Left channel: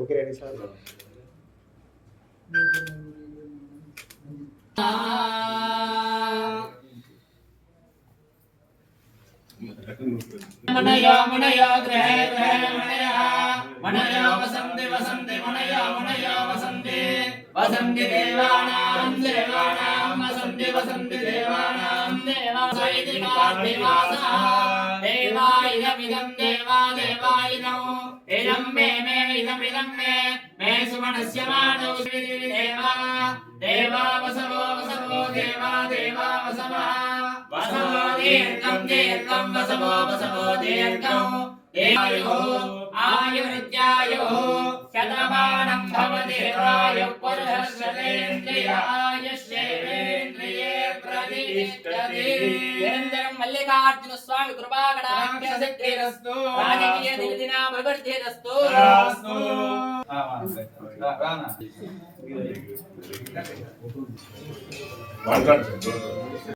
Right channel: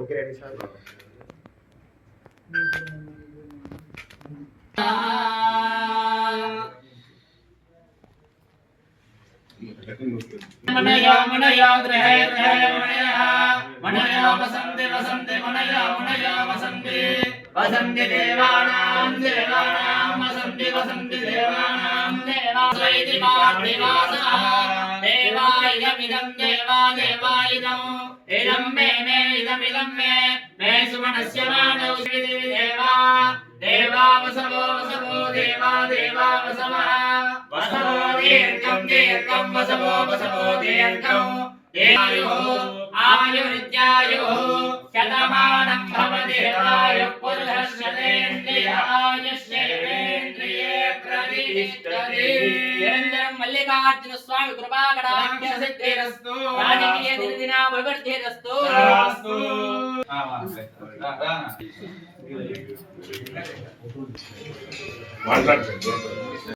okay ready sir मनयो मनयो ग्रहे ग्रहे मनयः मनयो वसन्ति वसन्ति मनयो मनयो वसन्ति वसन्ति देवानां देवानां वसन्ति वसन्ति देवानां देवासैति मादिवासः देवायमिदं देवा देवायिदम् इदं मे मे इदमिदं मे सुमनस्य मानौ देवा देवा वसवो वसवो देवा देवा वसवः वसवो दीर्घं दीर्घं वसवो वसवो दीर्घं देवायुः आयुर्नित्यायुः शतमानं भवति आयुः पुरुषस्येन्द्रिय आयुष्येन्द्रिये प्रतिष्ठति निरन्तरं मल्लिकार्जुन स्वामी कृपाकटाक्ष सिद्धिरस्तु राजकीय दिनदिना भगवद्धिरस्तु మాట్లాడుతుంది